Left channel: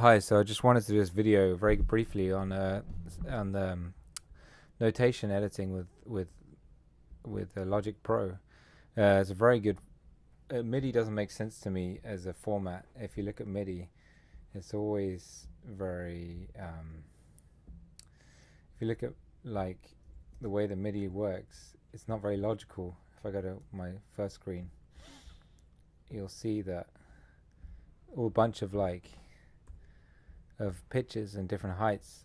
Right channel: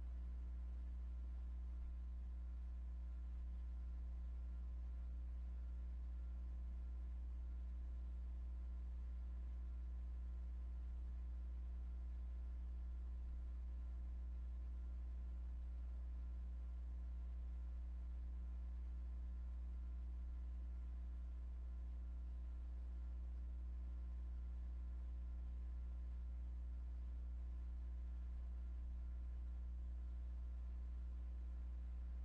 Hi, so I just wanted to do this video very briefly on notation editing with Logic Pro. It's a very good. MIDI doesn't make sense to me as a format. If you look at MIDI, it's always very. If you look at like the way the MIDI works, it's not very logical. If I go to my first screen, you'll see that all a bunch of pitches and different heights,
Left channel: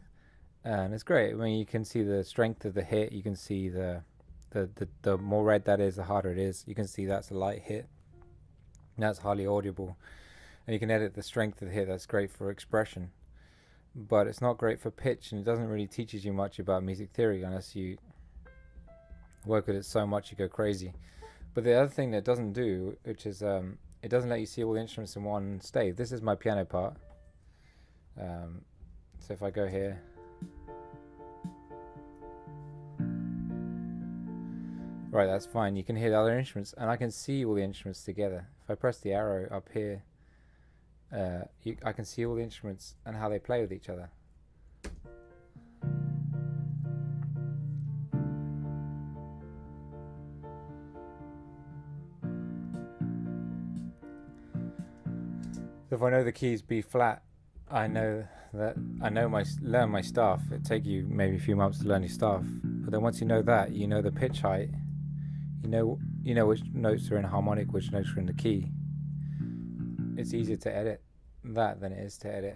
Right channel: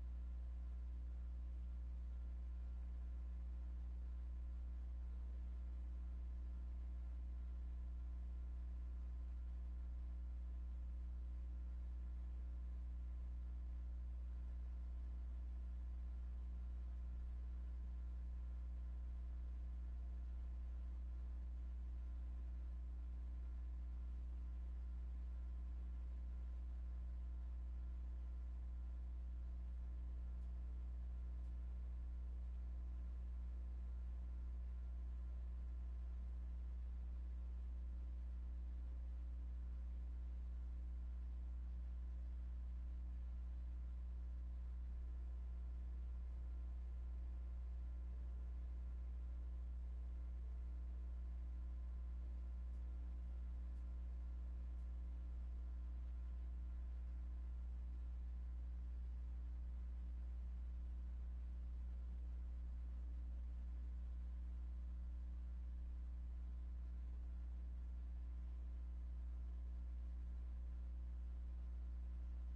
and it's great. I mean, you can see the strength of the hit. You can see the more red that is, the harder it is. You can see that's a light hit. That's hardly audible, and you can edit the strength of the hit. That's great for expression, but it's not great for pitch, and it doesn't really teaches you much about music theory unless you work with it so much you go crazy. But the other thing that it doesn't do, which is it doesn't let you see all the instruments in one stave. This is my piano part. So if I go here, right, that's fine. You can hear the other instruments, and I can see all the instruments together. If I press the arrow up here, I can see all the instruments and how they play with each other. So if I know the keys B flat, I know learn my staff. It take you maybe a few months to learn your staff, but then once you know that, you know the pitch height. You know which notes are in a harmonic, which notes are in the key. It's easier to edit that than it is to edit.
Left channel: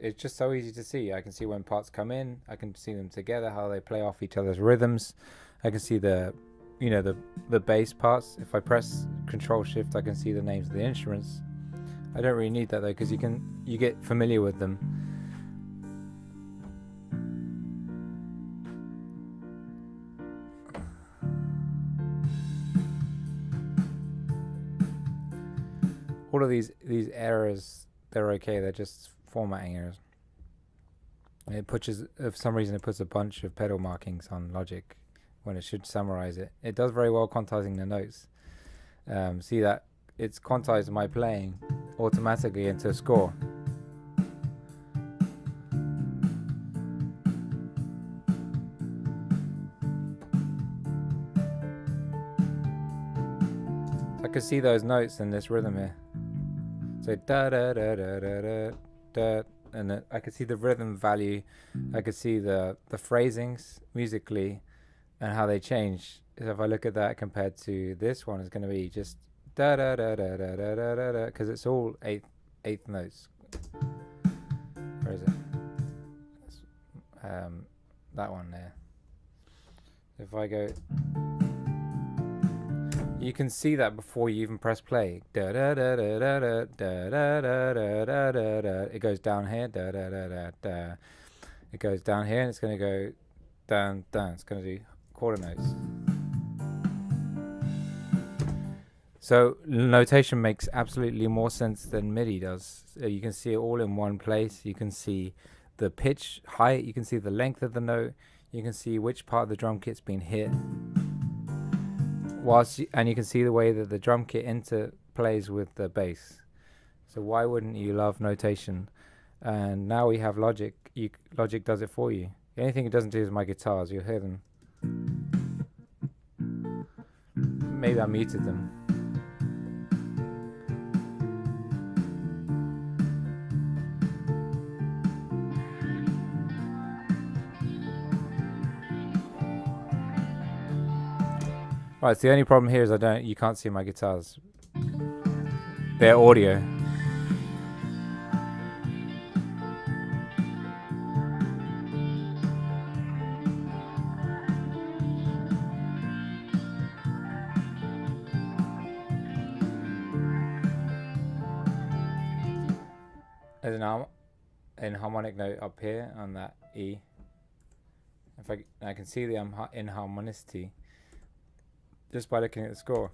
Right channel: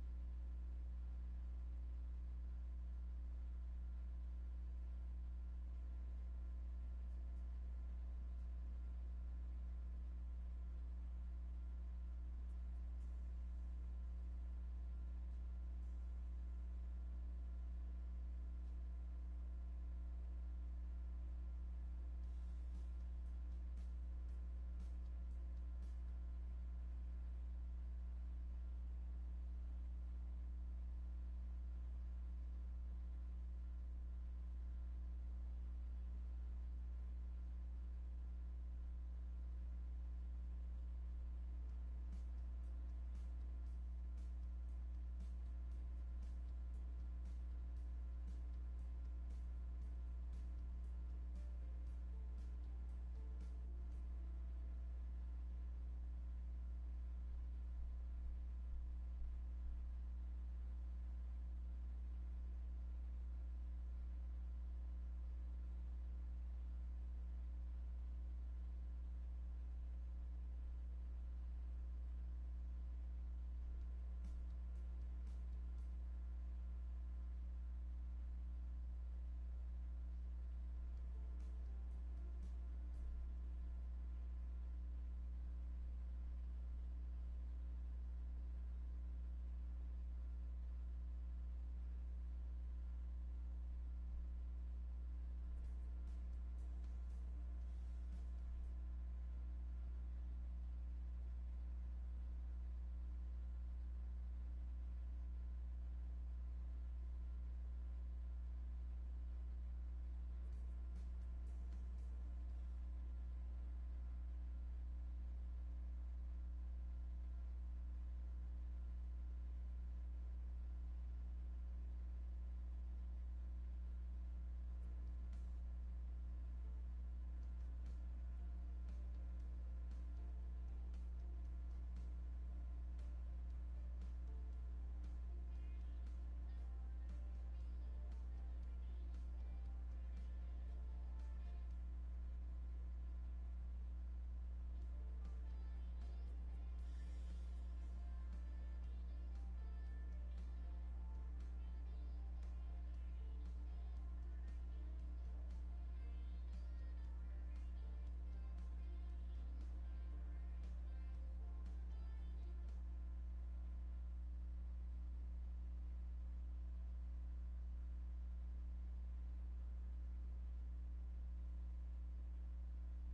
It's just so easy to see. I can see when parts come in. I can see them together, how they play off each other's rhythms. I can see the bass parts. If I press Control Shift, I can see the names of the instruments. I don't really need that though, because you get familiar with them. All of these errors, they're okay. They're just formatting errors. For some reason, it puts a bunch of pedal markings on Logic when it should summarize it. It does very well quantizing the notes. See that it's quantized my playing automatically into a score. I can see those notes in this rhythm here. So da da da da da da da, and I can see the rhythm value. I can see the phrasings musically and how they change. So if I look at that compared to this one, it's going to be just da da da da da da da da da, because it's all eighth notes. Where is it? That one there. If I go, you can see that before you even press play. Da da da da da da da da da da da da da. It goes down here. Da da da da da. It goes down here, and it's going to go down down. It's going to do quarter notes. So notation makes absolutely more sense than MIDI does. You can see it all in one place. You can see the pitch height. You can see the length of the note. You can see which part of the drum kit's been hit. And you can see the way that the drum kit interplays with the bass. So why wouldn't you love notation? And now we have Logic. Logic does it for you. The only thing it doesn't do is my guitars. You'll hear them. Maybe I muted them. Right, so the only problem here is you can't see my guitars. They're audio. There's an harmonic note up here on that E. If I can see the inharmonicity just by looking at the score.